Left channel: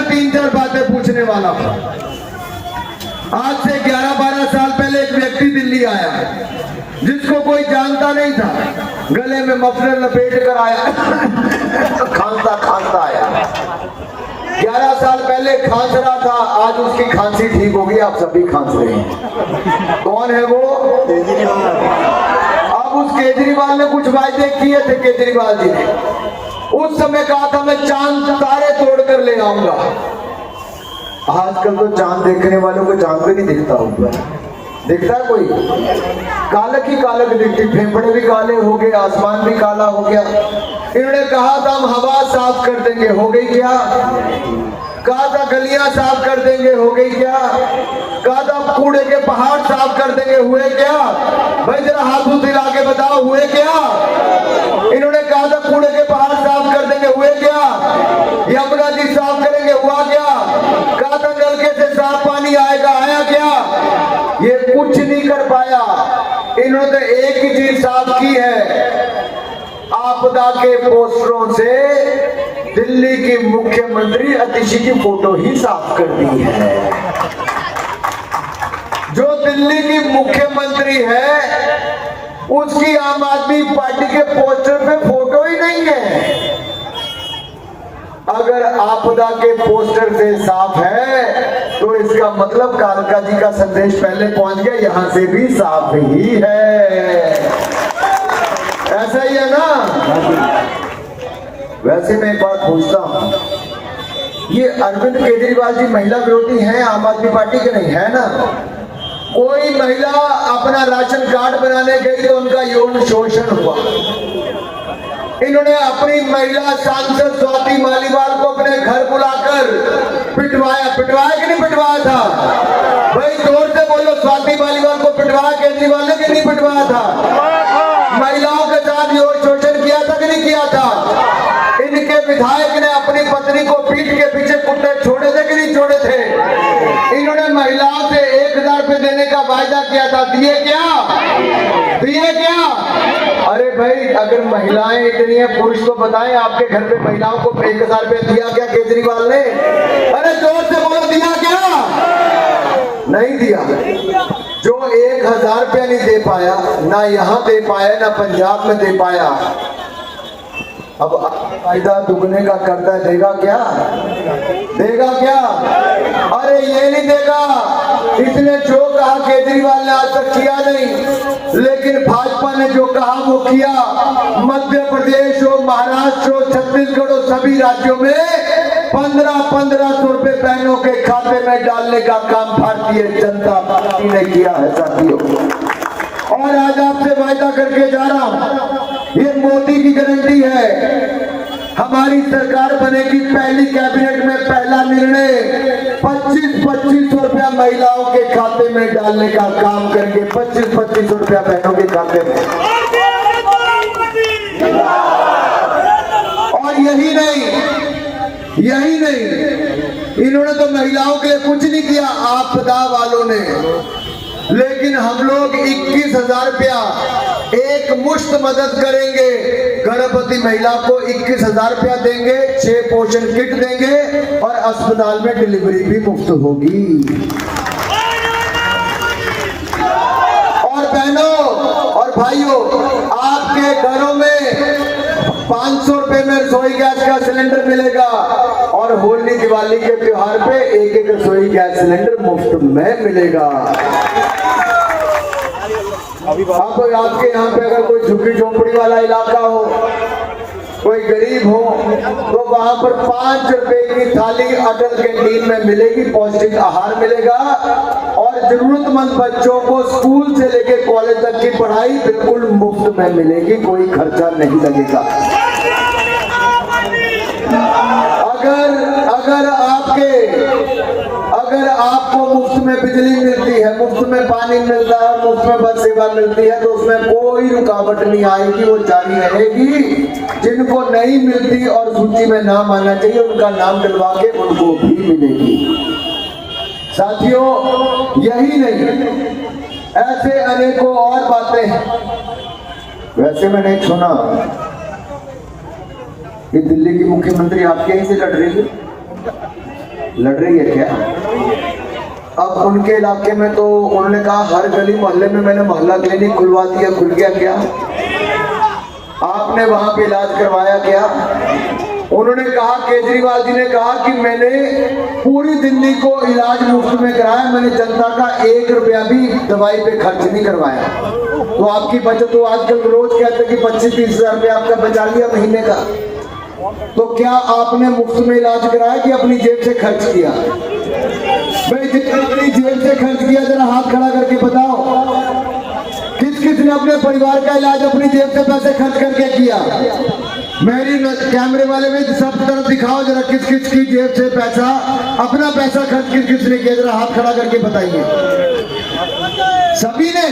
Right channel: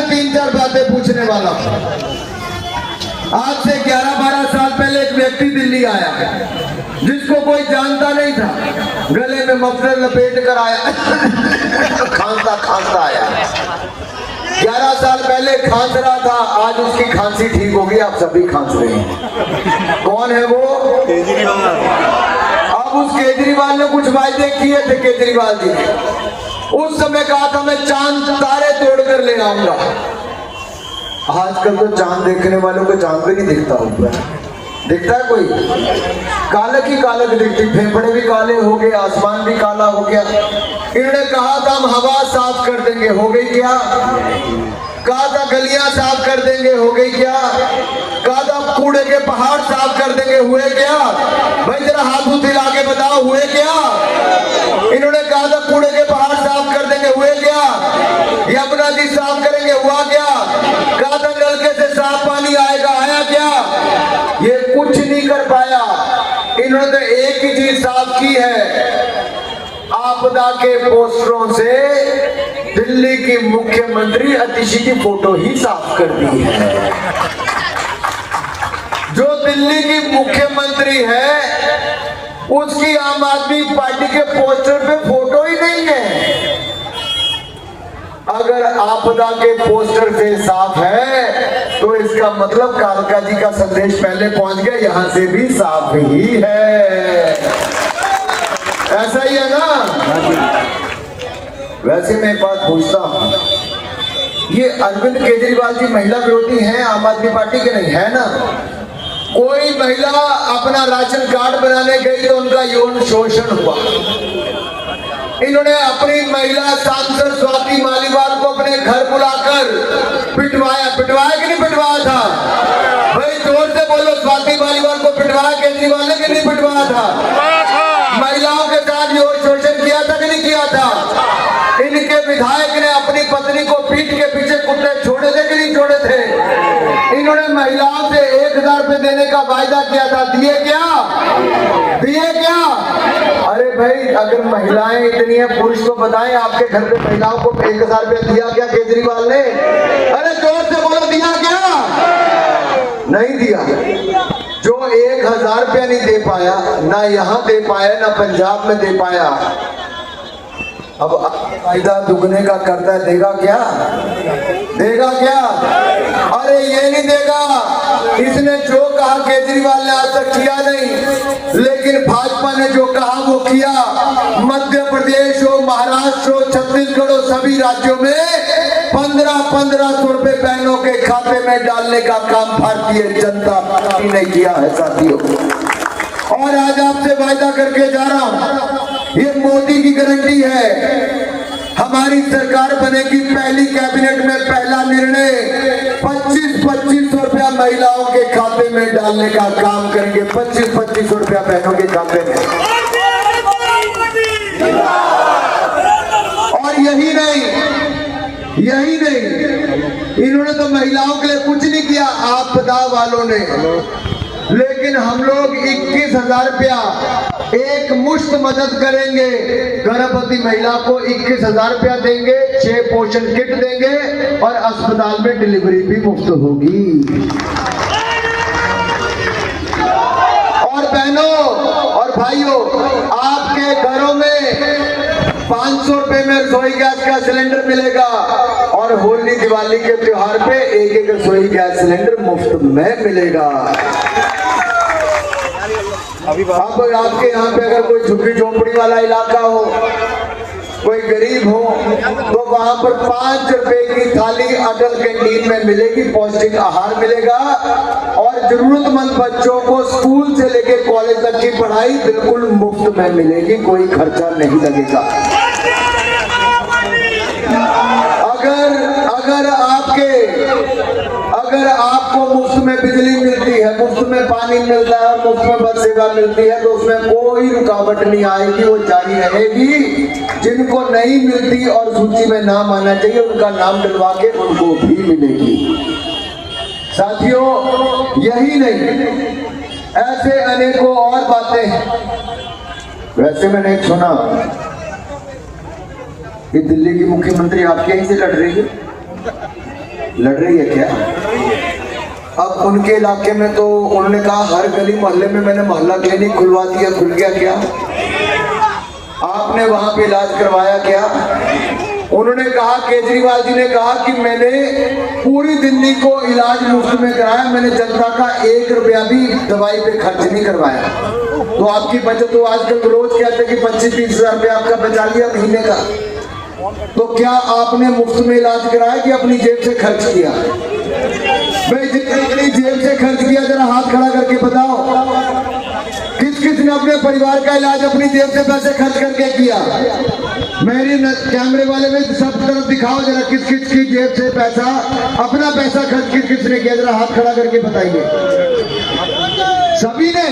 आपसे 3-4 बातें पूछने वाला हूं। आज से 11-12 साल पहले एक व्यक्ति दिल्ली आया जिसको कोई जानता नहीं था, गले में मफलर लपेट कर आया, खांसता खांसता आया। 11 साल पहले खांस रहा था, आज उसकी खांसी ठीक हो गई, आप सभी खांस रहे हैं। कौन है वो? अब उस केजरीवाल ने कुछ वायदे किए थे, केजरीवाल जी ने उस समय कहा था मैं चांद तारे तोड़ कर ले आऊंगा। आजकल तो चांद देखने वालों को चांद भी नहीं दिखता होता, दिखता है कोई? कालक ही कालक दिखती, फेफड़े भी काले हो गए, आसमान भी काला हो गया। इन्होंने कहा था हम हवा साफ कर देंगे, हो गई क्या? कहा था गलियां साफ कर देंगे, हो गई क्या? कहा था कूड़े के पहाड़ साफ कर देंगे, हुए क्या? भाई जरा हाथ हिला के बताओ, हुए क्या? इन्होंने कहा था कूड़े के पहाड़ साफ कर देंगे, हुए क्या? यमुना जी साफ करेंगे, हुआ क्या? कहा था नलके से साफ पानी आएगा, आया क्या? ये कुछ नहीं कर पाया। इन्होंने एक ही चीज साफ की है, आपदा के पोस्टरों से दिल्ली की मुख्यमंत्री अतिशी की फोटो ही साफ कर दी है। जो दिल्ली की मुख्यमंत्री है उसकी आम आदमी पार्टी के पोस्टर पे फोटो ही नहीं है। अगर आपदा के पोस्टर से साफ है तो इसका मतलब कालका जी का संदेश पहले पहुंच गया, यहां से भी साफ ही है। ऐसा ही है ना? वैसे मैं एक बात पूछता हूं, ये अरविंद केजरीवाल जी महिला विरोधी हैं आम आदमी पार्टी के? नहीं है ना। कोई महिला अपना राशन कार्ड बनाने गई तो उनका यौन शोषण हुआ। इन्होंने अपनी महिला सांसद स्वाति मालीवाल को अपने घर बुलाकर पिटवाया। पिटवाया कि नहीं पिटवाया था? भाई जोर से बोलो, स्वाति मालीवाल को पिटवाया केजरीवाल ने कि नहीं पिटवाया था? महिलाओं के साथ यौन शोषण किया था कि नहीं किया था? इनके विधायक ने अपनी पत्नी को पीठ के पीछे कुत्ते छोड़े थे कि नहीं छोड़े थे? इन्होंने महिलाओं से 1000 रुपए देने का वायदा किया था, दिए क्या? दिए क्या? अरे भाई अगर महिलाएं इतनी है, पुरुष को बताएं आपके घर पे महिलाओं को 1000 रुपए दिया क्या केजरीवाल ने? अरे जोर से बोलो, दिया क्या? नहीं दिया। जो 1000 रुपया नहीं दे पाया, ना यहाँ दे पाया ना पंजाब में दे पाया, अब फायदा दुगने का करता है, देगा क्या? देगा क्या? अरे ये नहीं देगा। इसने जो कहा केजरीवाल ने आज तक किया नहीं, लेकिन भाजपा ने जो कहा वो किया। मध्य प्रदेश हो, महाराष्ट्र हो, छत्तीसगढ़ हो, सभी राज्यों में 1500 रुपए बहनों के खाते में डालने का काम भारतीय जनता पार्टी ने किया है साथियों। और आज आपसे वादा करके जा रहा हूं, ये मोदी की गारंटी है, हमारी सरकार बनेगी, पहली कैबिनेट में पहला निर्णय 2500 रुपया महिलाओं के खाते में डालने का काम करेंगे। 2500 रुपया बहनों के खाते में। और यही नहीं, इन्होंने तो महिलाओं के लिए कुछ नहीं किया आपदा वालों ने, लेकिन हम लोग 21,000 रुपया एक मुश्त मदद करेंगे। गर्भवती महिला को 21,000 रुपया देंगे, 6 पोषण किट देंगे और अस्पताल में डिलीवरी भी मुफ्त होगी। और बहनों और भाइयों, आपके घरों में 500 रुपए में रसोई गैस का सिलेंडर मिलेगा और होली दिवाली के त्योहार पे एक रसोई गैस सिलेंडर मुफ्त में मिलेगा। अब आपके यहाँ पे अगर कोई झुग्गी झोपड़ी वाला इलाका हो, कोई गरीब हो, तो वहां पर 5 रुपए की थाली अटल कैंटीन में मिलेगी, पौष्टिक आहार मिलेगा और जरूरतमंद बच्चों को स्कूल से लेके कॉलेज तक की पढ़ाई बिल्कुल मुफ्त में मिलेगी, कोई खर्चा नहीं लगेगा। अगर आपको मुफ्त में बिजली मिलती है, मुफ्त में पानी मिलता है और मुफ्त में बस सेवा मिलती है, तो उसमें कोई रुकावट नहीं आएगी, वो जारी रहेगी। जिनको नहीं मिलती और सूची में नाम आना चाहिए, उनका नाम डलवा के उनको भी मिलेगी। साथियों, यही नहीं, ऐसे अनेकों और बातें हैं। वैसे मैंने सुना कि दिल्ली की मुख्यमंत्री आपके यहीं से लड़ रही है। लड़ रही है क्या? अब उनके इलाके में तो उन्होंने कहा हर गली मोहल्ले में मैंने मोहल्ला क्लिनिक खुलवा दिया, खुल गया क्या? आपने वहां पे इलाज करवाया क्या? उन्होंने कहा, केजरीवाल जी ने कहा कि मैंने पूरी दिल्ली को इलाज मुफ्त में कराया, मैंने जनता का 1 रुपया भी दवाई पे खर्च नहीं करवाया। तो आपकी बचत तो आजकल रोज कहते हैं कि 25-30 हजार रुपया आपका बचा लिया महीने का। तो क्या आपने मुफ्त में इलाज कराया कि अपनी जेब से खर्च किया? भाई जितने अपनी जेब से खर्च किया जरा हाथ खड़ा करके बताओ, किस किस ने अपने परिवार का इलाज अपनी जेब से पैसे खर्च करके किया? मेरी कैमरे वाले में सब तरफ दिखाओ जरा, किस किस की जेब से पैसा, अपना पैसा खर्च किस किस ने किया, जरा हाथ खड़ा करके बताइए। सभी ने,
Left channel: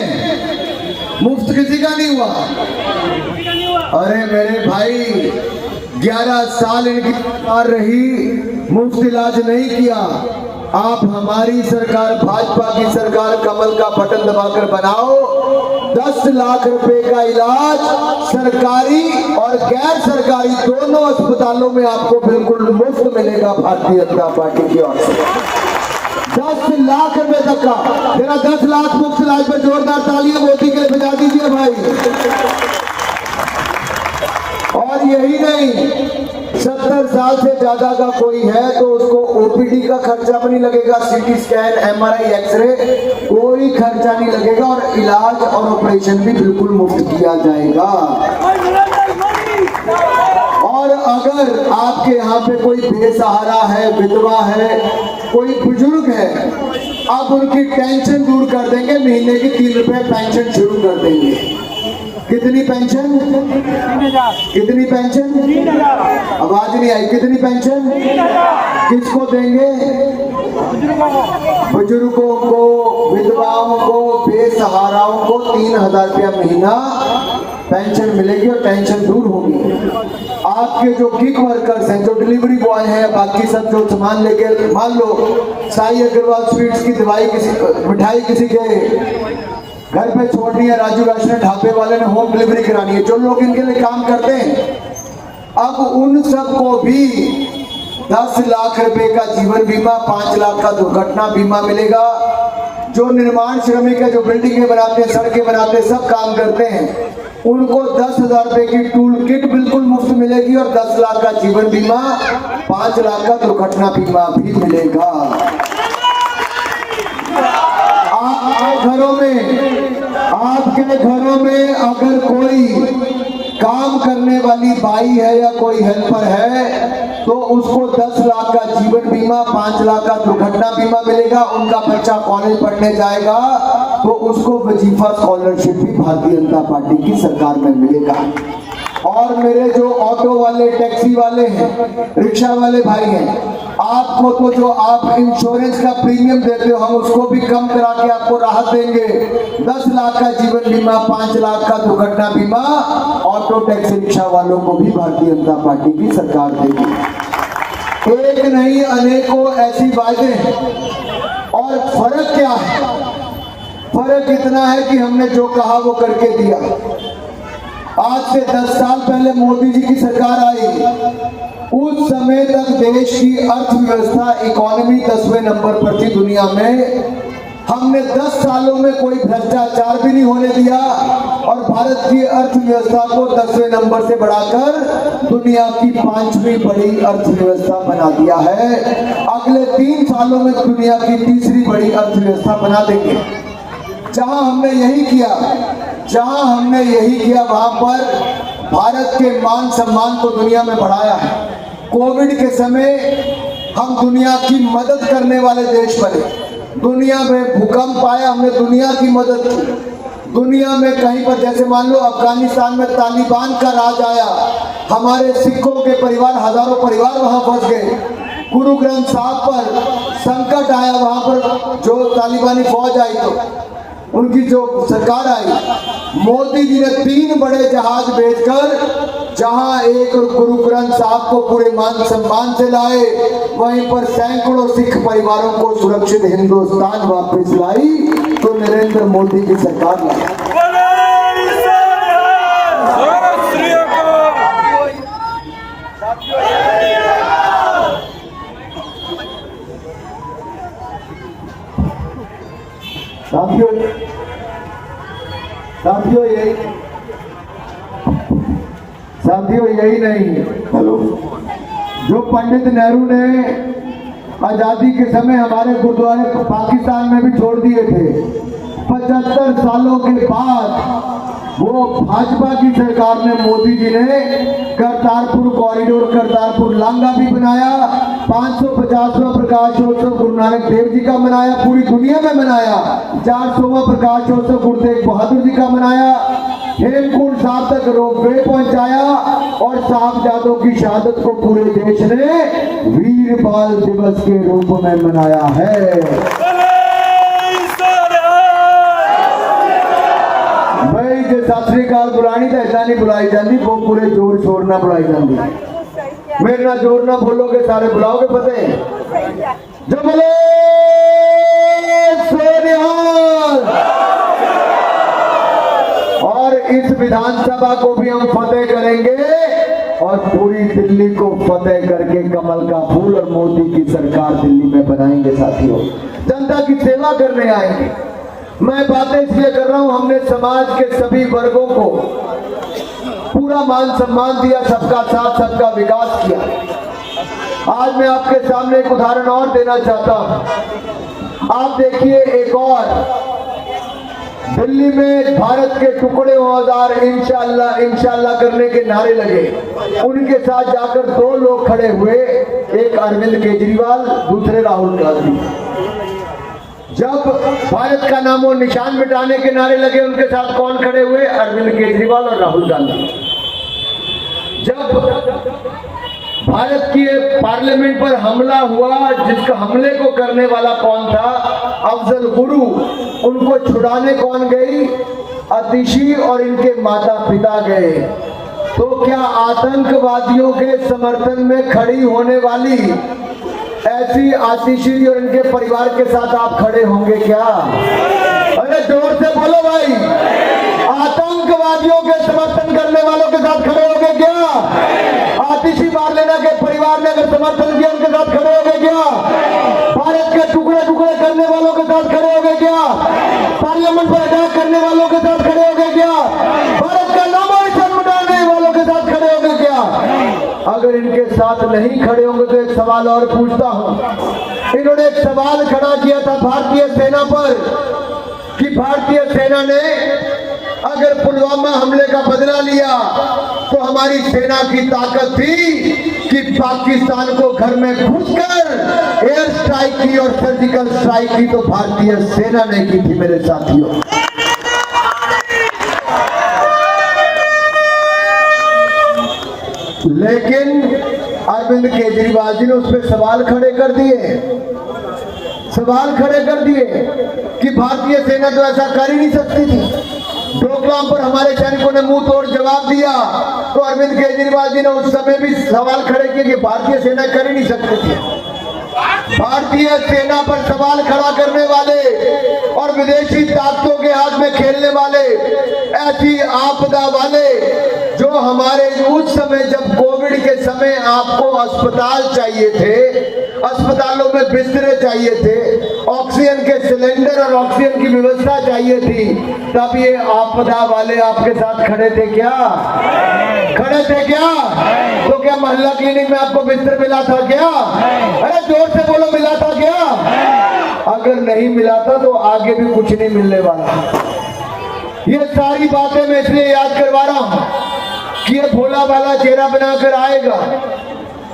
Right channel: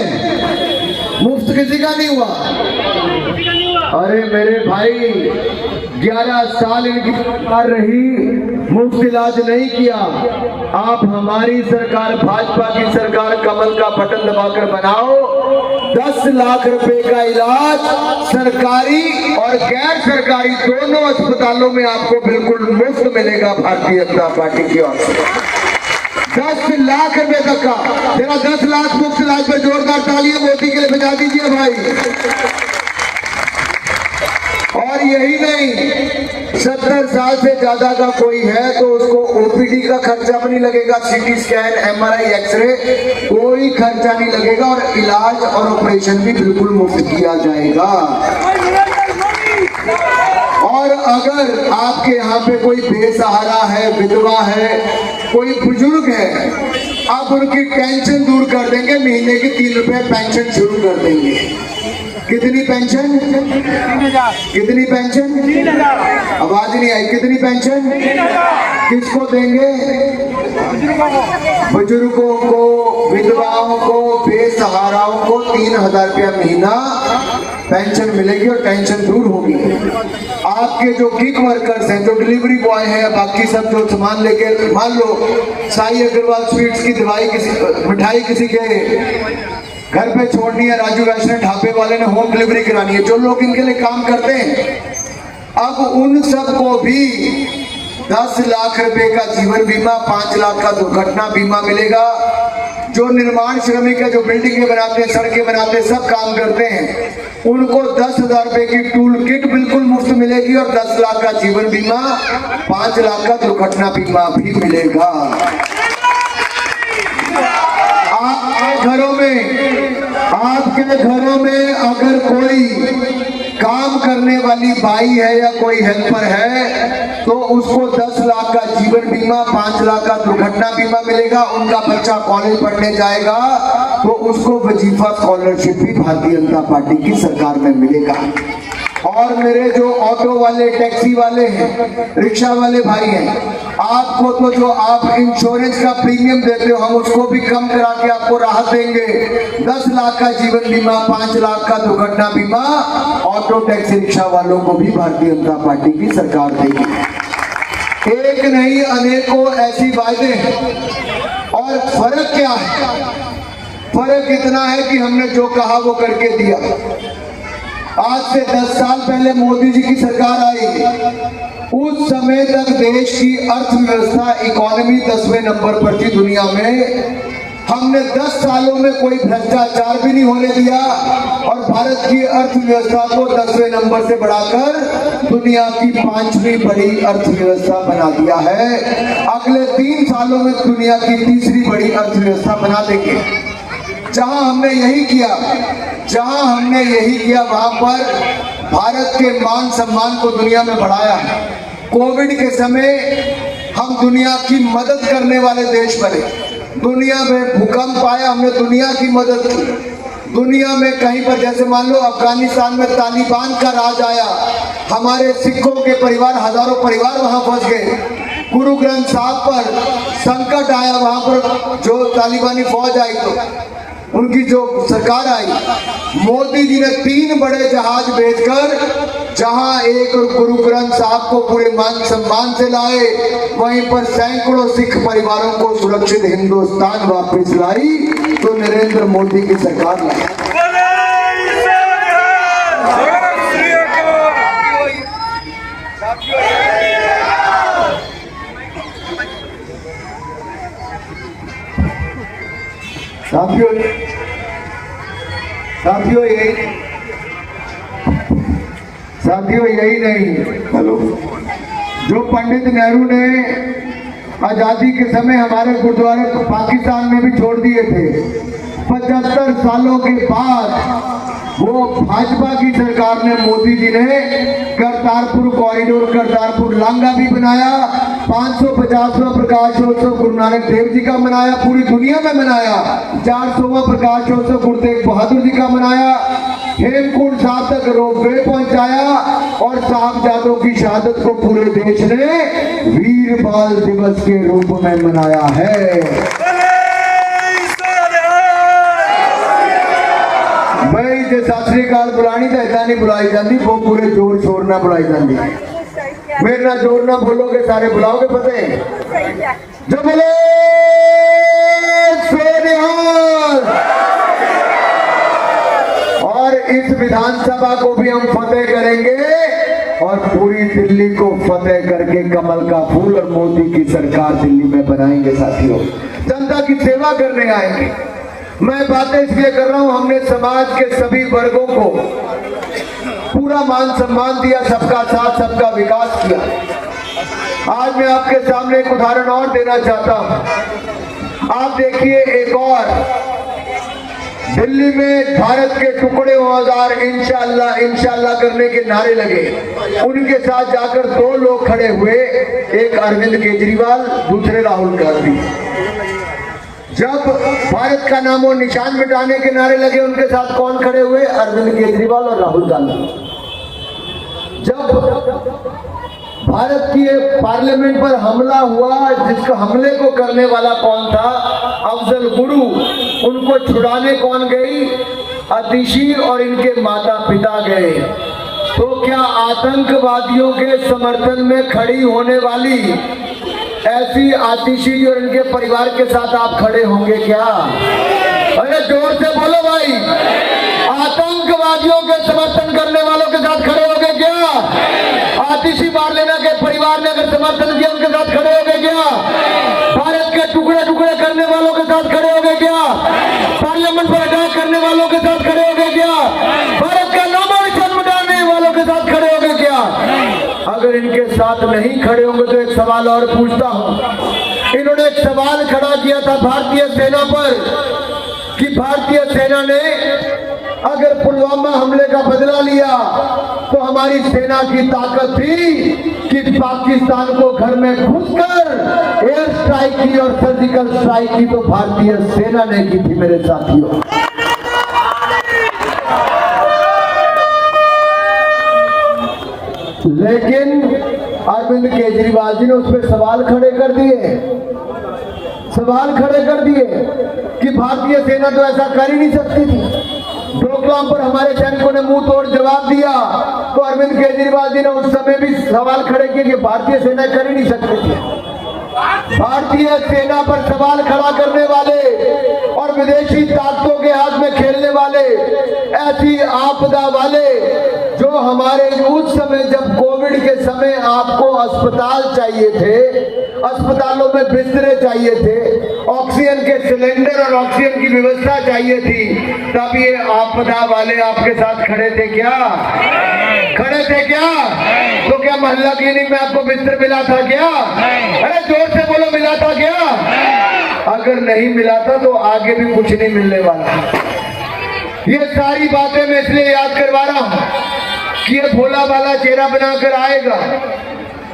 मुफ्त किसी का नहीं हुआ। अरे मेरे भाई 11 साल इनकी सरकार रही, मुफ्त इलाज नहीं किया। आप हमारी सरकार, भाजपा की सरकार, कमल का बटन दबाकर बनाओ, 10 लाख रुपए का इलाज सरकारी और गैर सरकारी दोनों अस्पतालों में आपको बिल्कुल मुफ्त मिलेगा भारतीय जनता पार्टी की ओर से। 10 लाख रुपए तक का, मेरा 10 लाख मुफ्त इलाज पर जोरदार तालियां मोदी के लिए बजा दीजिए भाई। और यही नहीं, 70 साल से ज्यादा का कोई है तो उसको ओपीडी का खर्चा भी नहीं लगेगा, सीटी स्कैन, एमआरआई, एक्सरे, कोई खर्चा नहीं लगेगा और इलाज और ऑपरेशन भी बिल्कुल मुफ्त किया जाएगा। और अगर आपके यहाँ पे कोई बेसहारा है, विधवा है, कोई बुजुर्ग है, आप उनकी टेंशन दूर कर देंगे, महीने की 3 रुपए पेंशन शुरू कर देंगे। कितनी पेंशन? कितनी पेंशन? आवाज नहीं आई। कितनी पेंशन? किसको देंगे? बुजुर्गों को, विधवाओं को, बेसहाराओं को 3000 रुपया महीना पेंशन मिलेगी और टेंशन दूर होगी। आपके जो गिग वर्कर्स हैं, जो डिलीवरी बॉय है, बाकी सब जो सामान लेके, मान लो साई अग्रवाल स्वीट्स की मिठाई किसी के घर पे छोड़नी है, राजू वैष्णव ढाबे वाले ने होम डिलीवरी करानी है, जो लोग इनके लिए काम करते हैं, अब उन सबको भी 10 लाख रुपए का जीवन बीमा, 5 लाख का दुर्घटना बीमा मिलेगा। जो निर्माण श्रमिक है, जो बिल्डिंगें बनाते हैं, सड़कें बनाते हैं, सब काम करते हैं, उनको 10,000 रुपए की टूल किट बिल्कुल मुफ्त मिलेगी और 10 लाख का जीवन बीमा, 5 लाख का दुर्घटना बीमा भी मिलेगा। आपके घरों में अगर कोई काम करने वाली बाई है या कोई हेल्पर है तो उसको 10 लाख का जीवन बीमा, 5 लाख का दुर्घटना बीमा मिलेगा। उनका बच्चा कॉलेज पढ़ने जाएगा तो उसको वजीफा स्कॉलरशिप भी भारतीय जनता पार्टी की सरकार में मिलेगा। और मेरे जो ऑटो वाले, टैक्सी वाले हैं, रिक्शा वाले भाई हैं, आपको तो जो आप इंश्योरेंस का प्रीमियम देते हो, हम उसको भी कम करा के आपको राहत देंगे। 10 लाख का जीवन बीमा, 5 लाख का दुर्घटना बीमा ऑटो टैक्सी रिक्शा वालों को भी भारतीय जनता पार्टी की सरकार देगी। एक नहीं, अनेकों ऐसी बातें। और फर्क क्या है? फर्क इतना है कि हमने जो कहा वो करके दिया। आज से 10 साल पहले मोदी जी की सरकार आई, उस समय तक देश की अर्थव्यवस्था, इकोनॉमी 10वें नंबर पर थी दुनिया में। हमने 10 सालों में कोई भ्रष्टाचार भी नहीं होने दिया और भारत की अर्थव्यवस्था को 10वें नंबर से बढ़ाकर दुनिया की 5वीं बड़ी अर्थव्यवस्था बना दिया है। अगले 3 सालों में दुनिया की 3री बड़ी अर्थव्यवस्था बना देंगे। जहां हमने यही किया वहां पर भारत के मान सम्मान को दुनिया में बढ़ाया है। कोविड के समय हम दुनिया की मदद करने वाले देश बने। दुनिया में भूकंप आया, हमने दुनिया की मदद की। दुनिया में कहीं पर, जैसे मान लो अफगानिस्तान में तालिबान का राज आया, हमारे सिखों के परिवार, हजारों परिवार वहां फंस गए। गुरु ग्रंथ साहब पर संकट आया, वहां पर जो तालिबानी फौज आई तो उनकी जो सरकार आई, मोदी जी ने 3 बड़े जहाज भेजकर जहां एक गुरु ग्रंथ साहब को पूरे मान सम्मान से लाए, वहीं पर सैकड़ों सिख परिवारों को सुरक्षित हिंदुस्तान वापस लाई। तो नरेंद्र मोदी की सरकार साथियों यही नहीं, हेलो, जो पंडित नेहरू ने आजादी के समय हमारे गुरुद्वारे पाकिस्तान में भी छोड़ दिए थे, 75 सालों के बाद वो भाजपा की सरकार ने, मोदी जी ने करतारपुर कॉरिडोर, करतारपुर लांगा भी बनाया, 550वां प्रकाशोत्सव गुरु नानक देव जी का मनाया, पूरी दुनिया में मनाया, 400वां प्रकाशोत्सव गुरु तेग बहादुर जी का मनाया, हेमकुंड साहब तक रोपवे पहुंचाया और साहबजादों की शहादत को पूरे देश ने वीर बाल दिवस के रूप में मनाया है। भाई जो सत श्री अकाल बुलानी तो ऐसा नहीं बुलाई जाती, वो पूरे जोर शोर ना बुलाई जाती। मेरे ना जोर ना बोलोगे सारे बुलाओगे फतेह जो बोले और इस विधानसभा को भी हम फतेह करेंगे और पूरी दिल्ली को फतेह करके कमल का फूल और मोदी की सरकार दिल्ली में बनाएंगे। साथियों, जनता की सेवा करने आएंगे। मैं बातें इसलिए कर रहा हूं, हमने समाज के सभी वर्गों को पूरा मान सम्मान दिया, सबका साथ सबका विकास किया। आज मैं आपके सामने एक उदाहरण और देना चाहता हूं। आप देखिए, एक और दिल्ली में भारत के टुकड़े औजार इंशाअल्लाह इंशाअल्लाह करने के नारे लगे, उनके साथ जाकर 2 लोग खड़े हुए, एक अरविंद केजरीवाल, दूसरे राहुल गांधी। जब भारत का नाम और निशान मिटाने के नारे लगे, उनके साथ कौन खड़े हुए? अरविंद केजरीवाल और राहुल गांधी। जब भारत की पार्लियामेंट पर हमला हुआ, जिसका हमले को करने वाला कौन था? अफजल गुरु। उनको छुड़ाने कौन गई? आतिशी और इनके माता पिता गए। तो क्या आतंकवादियों के समर्थन में खड़ी होने वाली ऐसी आतिशी और इनके परिवार के साथ आप खड़े होंगे क्या? अरे जोर से बोलो भाई, आतंकवादियों के समर्थन करने वालों के साथ खड़े होंगे क्या? आतिशी मार लेना के परिवार ने अगर समर्थन किया, उनके साथ खड़े होंगे क्या? भारत के टुकड़े टुकड़े करने वालों के साथ खड़े होंगे क्या? पार्लियामेंट पर अटैक करने वालों के साथ खड़े होंगे क्या? भारत का नाम और निशान मिटाने वालों के साथ खड़े होंगे क्या? अगर इनके साथ नहीं खड़े होंगे तो एक सवाल और पूछता हूं। इन्होंने एक सवाल खड़ा किया था भारतीय सेना पर कि भारतीय सेना ने अगर पुलवामा हमले का बदला लिया तो हमारी सेना की ताकत थी कि पाकिस्तान को घर में घुसकर एयर स्ट्राइक की और सर्जिकल स्ट्राइक की, तो भारतीय सेना ने की थी मेरे साथियों। लेकिन अरविंद केजरीवाल जी ने उस पर सवाल खड़े कर दिए कि भारतीय सेना तो ऐसा कर ही नहीं सकती थी। डोकलाम पर हमारे सैनिकों ने मुंह तोड़ जवाब दिया, तो अरविंद केजरीवाल जी ने उस समय भी सवाल खड़े किए कि भारतीय सेना कर ही नहीं सकती थी। भारतीय सेना पर सवाल खड़ा करने वाले और विदेशी ताकतों के हाथ में खेलने वाले, ऐसी आपदा वाले जो हमारे उस समय जब कोविड के समय आपको अस्पताल चाहिए थे, अस्पतालों में बिस्तरे चाहिए थे, ऑक्सीजन के सिलेंडर और ऑक्सीजन की व्यवस्था चाहिए थी, तब ये आपदा वाले आपके साथ खड़े थे क्या? तो क्या मोहल्ला क्लिनिक में आपको बिस्तर मिला था क्या? अरे जोर से बोलो, मिला था क्या? अगर नहीं मिला था तो आगे भी कुछ नहीं मिलने वाला। ये सारी बातें मैं इसलिए याद करवा रहा हूं कि ये भोला वाला चेहरा बनाकर आएगा,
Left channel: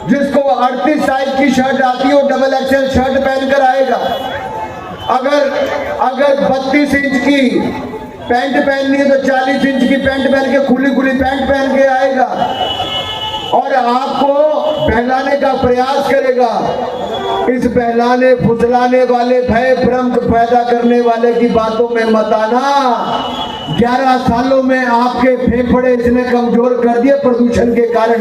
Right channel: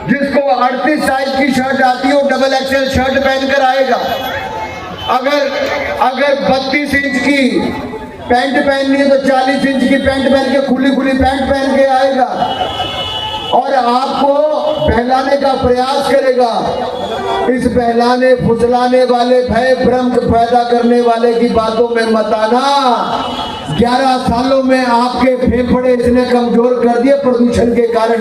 जिसको 38 साइज की शर्ट आती है, वो डबल एक्सेल शर्ट पहनकर आएगा। अगर 32 इंच की पैंट पहननी है तो 40 इंच की पैंट पहन के, खुली पैंट पहन के आएगा और आपको बहलाने का प्रयास करेगा। इस बहलाने फुसलाने वाले, भय भ्रम पैदा करने वाले की बातों में मत आना। 11 सालों में आपके फेफड़े इसने कमजोर कर दिए प्रदूषण के कारण।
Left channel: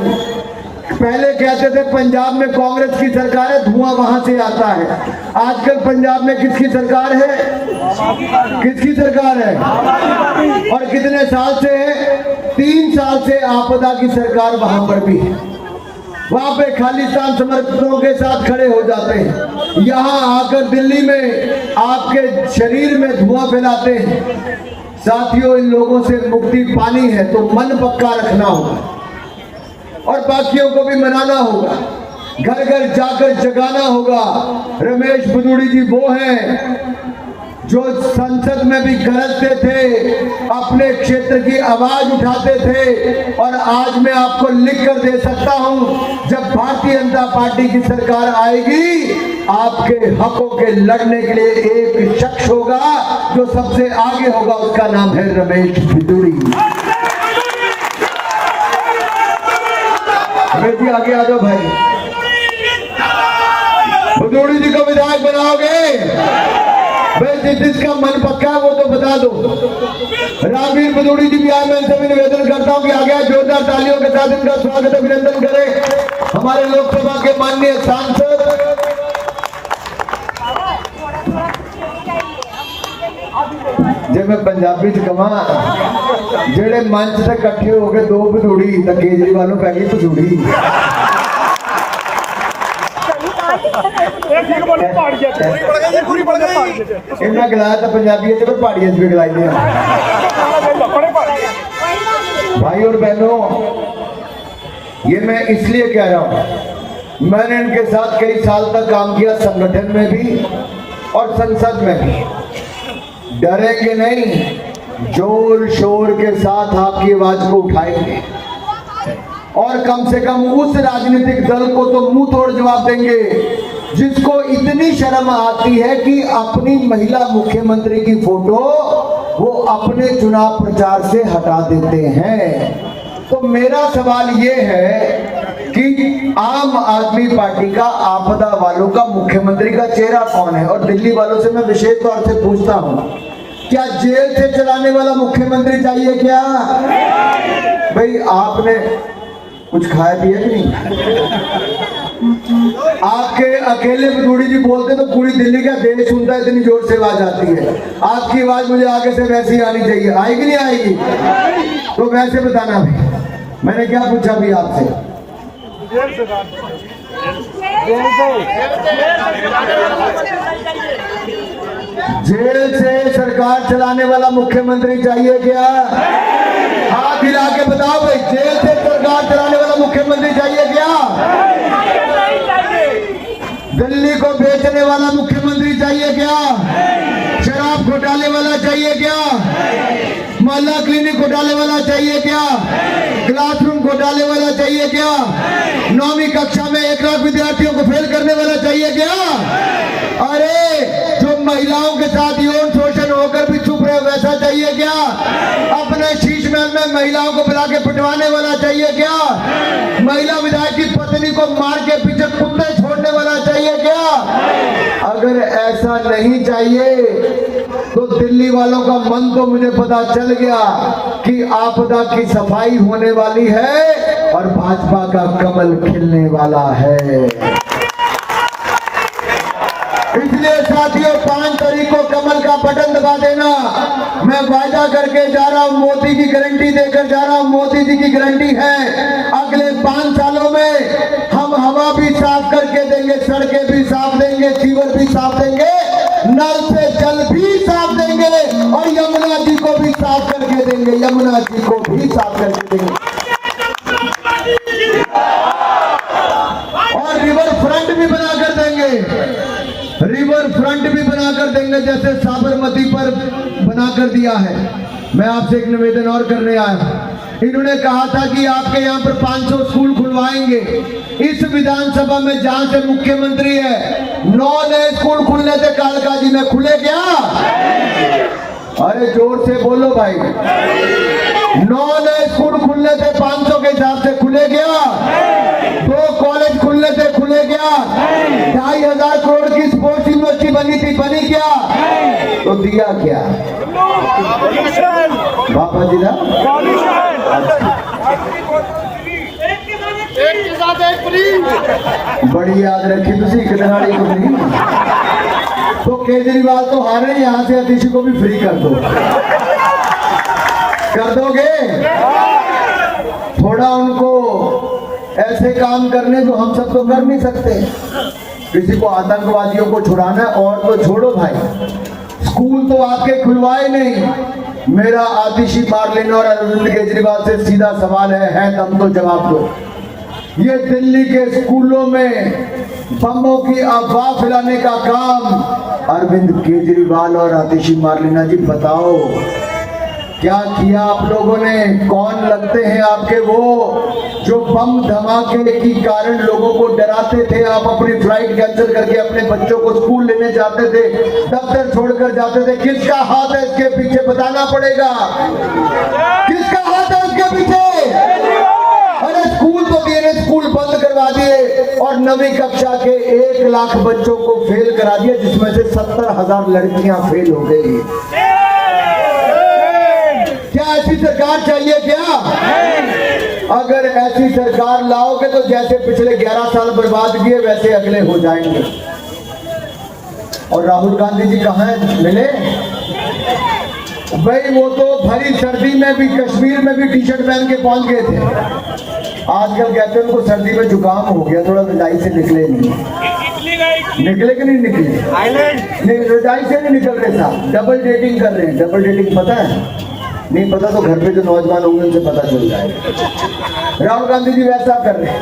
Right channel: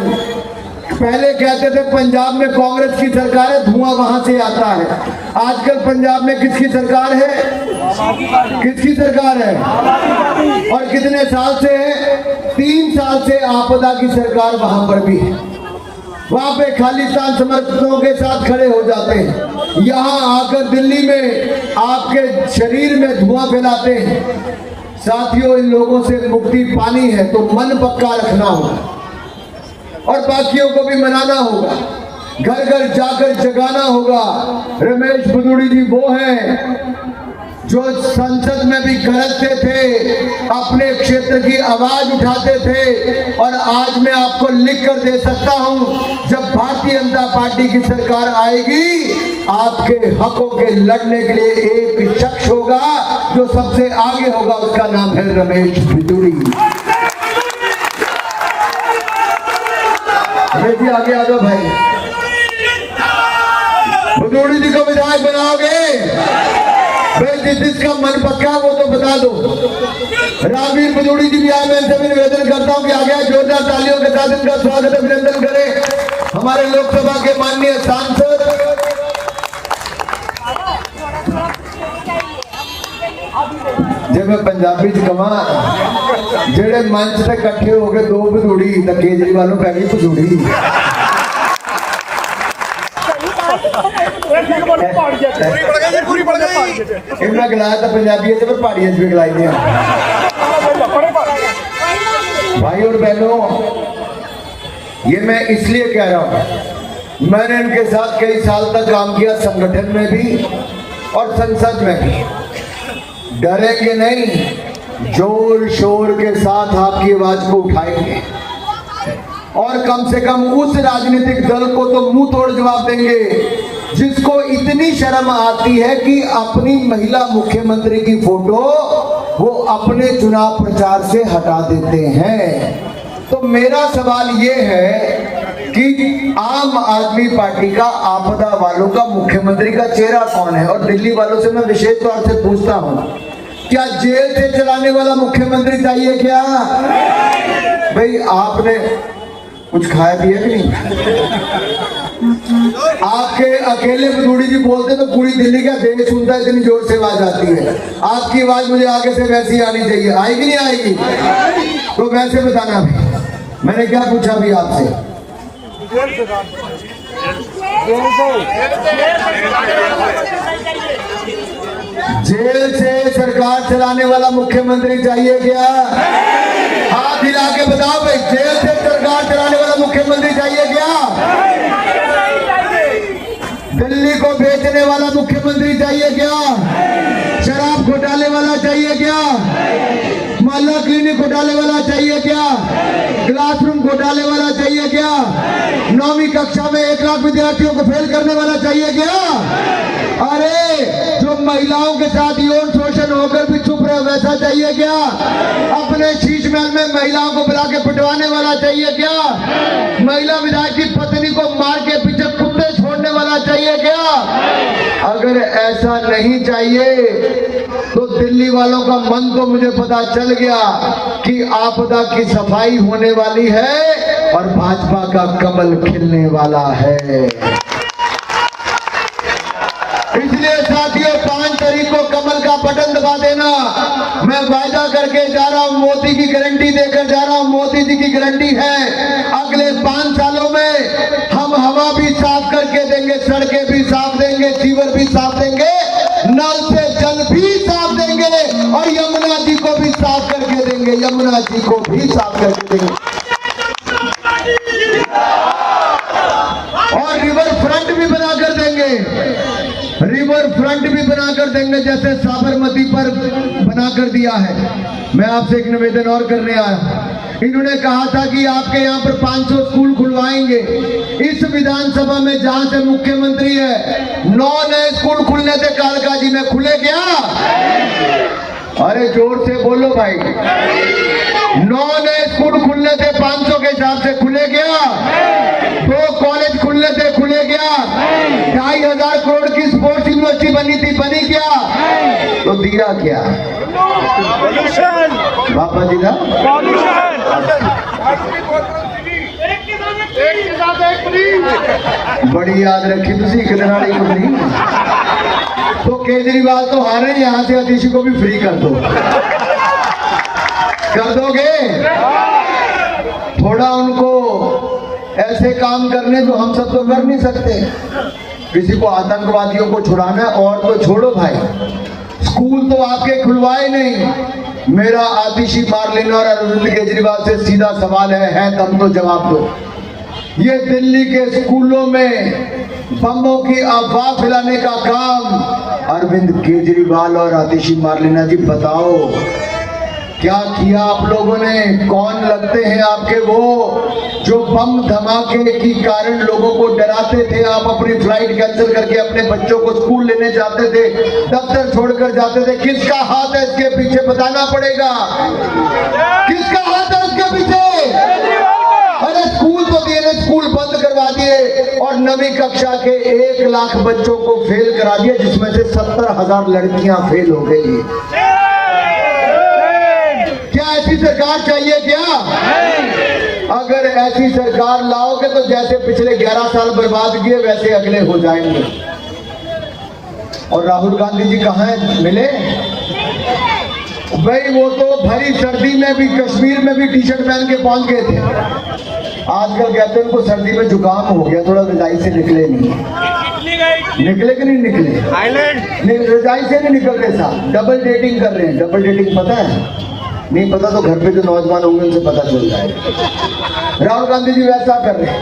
पहले कहते थे पंजाब में कांग्रेस की सरकार है, धुआं वहां से आता है। आजकल पंजाब में किसकी सरकार है? किसकी सरकार है? और कितने साल से है? 3 साल से आपदा की सरकार वहां पर भी है। वहां पे खालिस्तान समर्थकों के साथ खड़े हो जाते हैं। यहाँ आकर दिल्ली में आपके शरीर में धुआं फैलाते हैं। साथियों, इन लोगों से मुक्ति पानी है तो मन पक्का रखना होगा और बाकियों को भी मनाना होगा, घर घर जाकर जगाना होगा। रमेश भदौड़ी जी वो हैं जो संसद में भी गरजते थे, अपने क्षेत्र की आवाज उठाते थे। और आज मैं आपको लिख कर दे सकता हूं, जब भारतीय जनता पार्टी की सरकार आएगी, आपके हकों के लड़ने के लिए एक शख्स होगा जो सबसे आगे होगा, उसका नाम है रमेश भदौड़ी। ये जी आगे आ जाओ भाई। भदौड़ी जी को विधायक बनाओगे? भाई जिसका मन पक्का वो तो बता दो। रामवीर भदौड़ी जी भी आए, मैं इनसे भी निवेदन करता हूं कि आगे जोरदार तालियों के साथ इनका स्वागत अभिनंदन करें हमारे लोकसभा के माननीय सांसद। जब मैं पंजाबी कवा जेड़े मंच से इकट्ठे हो गए दो भदौड़ी, तो केजरीवाल पै गई भदौड़ी। इन्हें गलाया था पंजाबी पर पहाड़िया भी गलाई दे। भाई और बहनों, ये मैं इसलिए कह रहा हूं, मैंने इनके साथ कई साल तक काम किया, संगठन में भी और संसद में भी। डरेंगे नहीं, जोर शोर के साथ आपकी आवाज को उठाएंगे और कम से कम उस राजनीतिक दल को तो मुंह तोड़ जवाब देंगे जिसको इतनी शर्म आती है कि अपनी महिला मुख्यमंत्री की फोटो वो अपने चुनाव प्रचार से हटा देते हैं। तो मेरा सवाल ये है कि आम आदमी पार्टी का आपदा वालों का मुख्यमंत्री का चेहरा कौन है? और दिल्ली वालों से मैं विशेष तौर से पूछता हूं, क्या जेल से चलाने वाला मुख्यमंत्री चाहिए क्या? भाई आपने कुछ खाया पिया कि नहीं? आपके अकेले भदौड़ी जी बोलते तो पूरी दिल्ली का देश सुनता है, इतनी जोर से आवाज आती है। आपकी आवाज मुझे आगे से वैसी आनी चाहिए, आएगी नहीं आएगी? तो वैसे बताना, मैंने क्या पूछा भी आपसे? जेल से सरकार चलाने वाला मुख्यमंत्री चाहिए क्या? हाथ हिला के बताओ भाई, जेल से सरकार चलाने वाला मुख्यमंत्री चाहिए क्या? दिल्ली को बेचने वाला मुख्यमंत्री चाहिए क्या? शराब घोटाले वाला चाहिए क्या? मोहल्ला क्लिनिक घोटाले वाला चाहिए क्या? क्लासरूम घोटाले वाला चाहिए क्या? 9वीं कक्षा में 1 लाख विद्यार्थियों को फेल करने वाला चाहिए क्या? अरे जो महिलाओं के साथ यौन शोषण होकर भी चुप रहे वैसा चाहिए क्या? अपने शीश महल में महिलाओं को बुला के पिटवाने वाला चाहिए क्या? महिला विधायक की पत्नी को मार के पीछे कुत्ते छोड़ने वाला चाहिए क्या? अगर ऐसा नहीं चाहिए तो दिल्ली वालों का मन तो मुझे पता चल गया कि आपदा की सफाई होने वाली है और भाजपा का कमल खिलने वाला है। इसलिए साथियों, 5 तारीख को कमल का बटन दबा देना। मैं वादा करके जा रहा हूं, मोदी की गारंटी देकर जा रहा हूं, मोदी जी की गारंटी है अगले 5 सालों में हम हवा भी साफ करके देंगे, सड़कें भी साफ देंगे, सीवर भी साफ देंगे, नल से जल भी साफ देंगे और यमुना जी को भी साफ करके देंगे, यमुना जी को भी साफ करके देंगे। और रिवर फ्रंट भी बनाकर देंगे, रिवर फ्रंट भी बनाकर देंगे जैसे साबरमती पर बनाकर दिया है। मैं आपसे एक निवेदन और करने आया। इन्होंने कहा था कि आपके यहाँ पर 500 स्कूल खुलवाएंगे। इस विधानसभा में जहां से मुख्यमंत्री है 9 नए स्कूल खुलने थे कालका जी में, खुले क्या? अरे जोर से बोलो भाई। 9 नए स्कूल खुलने थे 500 के हिसाब से, खुले क्या? 2 कॉलेज खुलने थे, खुले क्या? 2500 करोड़ की स्पोर्ट्स यूनिवर्सिटी बनी थी, बनी क्या? तो दिया क्या? बाबा जी ना एक के साथ एक फ्री, बड़ी याद रखी तुसी गरनाड़ी को फ्री। तो केजरीवाल तो हारे, यहाँ से अतिशी को भी फ्री कर दो। कर दोगे? थोड़ा उनको ऐसे काम करने तो हम सब तो कर नहीं सकते। किसी को आतंकवादियों को छुड़ाना और तो छोड़ो भाई, स्कूल तो आपके खुलवाए नहीं। मेरा आतिशी मार्लिन और अरविंद केजरीवाल से सीधा सवाल है दम तो जवाब दो। ये दिल्ली के स्कूलों में बमों की अफवाह फैलाने का काम अरविंद केजरीवाल और आतिशी मार्लिना जी, बताओ क्या किया आप लोगों ने? कौन लगते हैं आपके वो जो बम धमाके के कारण लोगों को डराते थे? आप अपनी फ्लाइट कैंसिल करके अपने बच्चों को स्कूल लेने जाते थे, दफ्तर छोड़कर जाते थे। किसका हाथ है इसके पीछे? बताना पड़ेगा, किसका हाथ है इसके पीछे? अरे स्कूल तो दिए, स्कूल बंद करवा दिए और 9वीं कक्षा के 1 लाख बच्चों को फेल करा दिया, जिसमें से 70,000 लड़कियां फेल हो गई। क्या ऐसी सरकार चाहिए क्या? अगर ऐसी सरकार लाओगे तो जैसे पिछले 11 साल बर्बाद किए वैसे अगले हो जाएंगे। और राहुल गांधी जी कहाँ मिले भाई? वो तो भरी सर्दी में भी कश्मीर में भी टी शर्ट पहन के पहुंच गए थे। आजकल कहते हैं उनको सर्दी में जुकाम हो गया, थोड़ा रजाई से निकले नहीं। निकले कि नहीं निकले? रजाई से नहीं निकल रहे साहब, डबल डेटिंग कर रहे हैं। डबल डेटिंग पता है? नहीं पता तो घर पे जो नौजवान होंगे उनसे पता चल जाएगा। राहुल गांधी जी वैसा कर रहे हैं।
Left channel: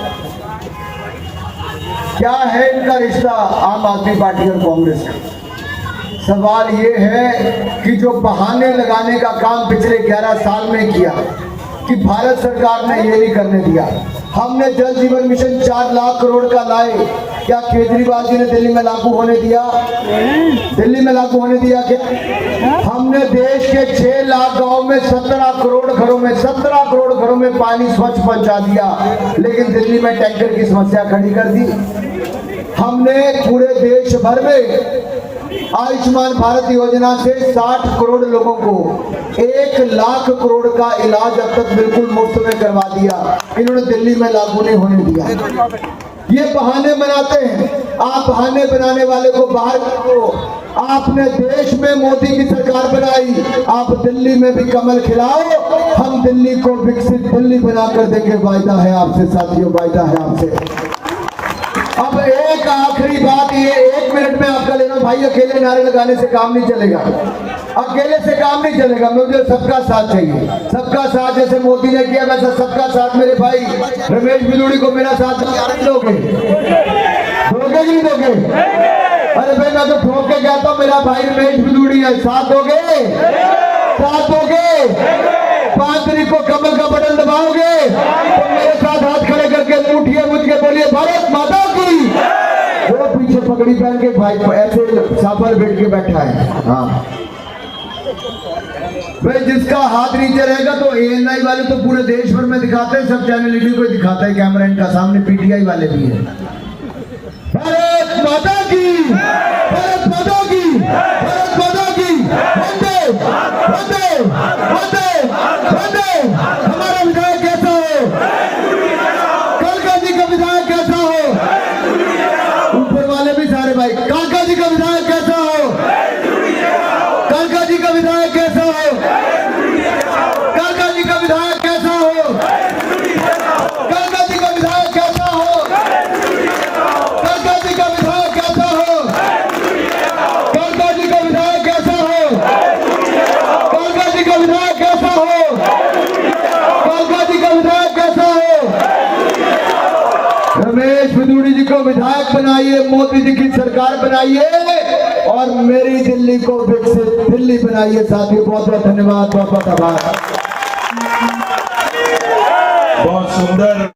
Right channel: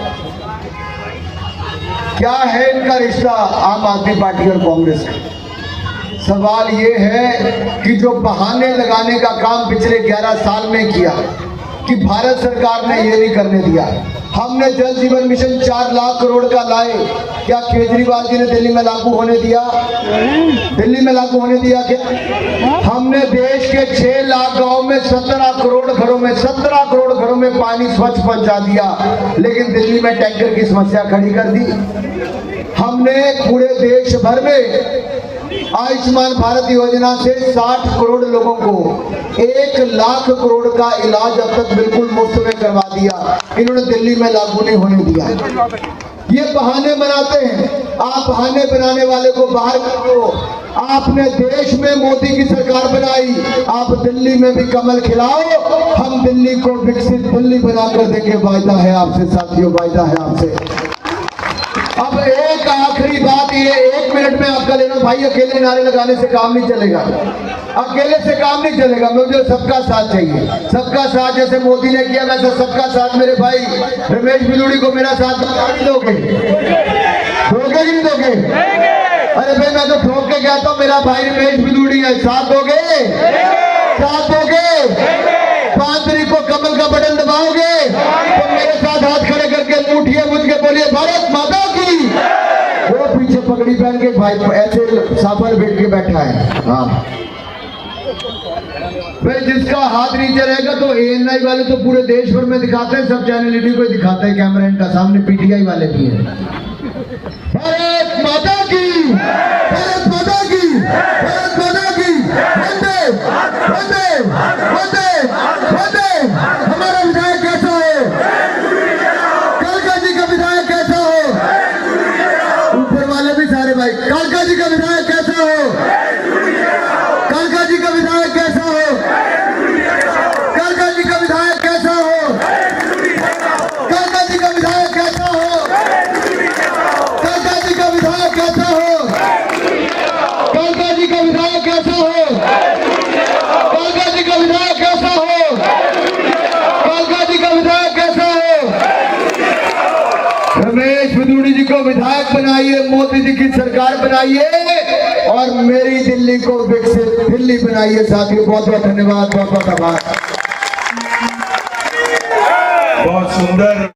क्या है इनका रिश्ता आम आदमी पार्टी और कांग्रेस का? सवाल ये है कि जो बहाने लगाने का काम पिछले 11 साल में किया कि भारत सरकार ने ये नहीं करने दिया। हमने जल जीवन मिशन 4 लाख करोड़ का लाए, क्या केजरीवाल जी ने दिल्ली में लागू होने दिया? दिल्ली में लागू होने दिया क्या? हमने देश के 6 लाख गांव में 17 करोड़ घरों में पानी स्वच्छ पहुंचा दिया, लेकिन दिल्ली में टैंकर की समस्या खड़ी कर दी। हमने पूरे देश भर में आयुष्मान भारत योजना से 60 करोड़ लोगों को 1 लाख करोड़ का इलाज अब तक बिल्कुल मुफ्त में करवा दिया। इन्होंने दिल्ली में लागू नहीं होने दिया। ये बहाने बनाते हैं। आप बहाने बनाने वाले को बाहर करो। आपने देश में मोदी की सरकार बनाई, आप दिल्ली में भी कमल खिलाओ। हम दिल्ली को विकसित दिल्ली बनाकर देंगे, वायदा है आपसे साथियों, वायदा है आपसे। अब एक आखिरी बात, ये 1 मिनट में आपका ले लो भाई। अकेले नारे लगाने से काम नहीं चलेगा, अकेले से काम नहीं चलेगा। मुझे सबका साथ चाहिए, सबका साथ। जैसे मोदी ने किया वैसा सबका साथ। मेरे भाई रमेश बिदूड़ी को मेरा साथ दोगे कि नहीं दोगे? अरे भाई मैं तो ठोक के कहता हूँ, मेरा भाई रमेश बिदूड़ी है, साथ दोगे? साथ दोगे? 5 तारीख को कमल का बटन दबाओगे तो मेरे साथ हाथ खड़े करके उठिए, मुझ के बोलिए भारत माता की। वो पीछे पगड़ी पहन के भाई ऐसे सामान बैठ के बैठा है। हाँ भाई, जिसका हाथ नीचे रहेगा तो ANI वाले तो पूरे देश भर में दिखाते हैं, सब चैनल इन्हीं को दिखाता है कैमरा इनका सामने। PTI वाले भी है। भारत माता की, भारत माता की, भारत माता की। वंदे वंदे वंदे वंदे। हमारा विधायक कैसा है? कालका जी का विधायक कैसा हो? ऊपर वाले भी सारे भाई, कालका जी का विधायक कैसा हो? कालका जी का विधायक कैसा हो? कालका जी का विधायक कैसा हो? कालका जी का विधायक कैसा हो? कालका जी का विधायक कैसा हो? कालका जी का विधायक कैसा हो? कालका जी का विधायक कैसा हो? कालका जी का विधायक कैसा हो? रमेश बिदूड़ी जी को विधायक बनाइए, मोदी जी की सरकार बनाइए और मेरी दिल्ली को विकसित दिल्ली बनाइए। साथियों बहुत बहुत धन्यवाद, बहुत बहुत आभार। बहुत सुंदर।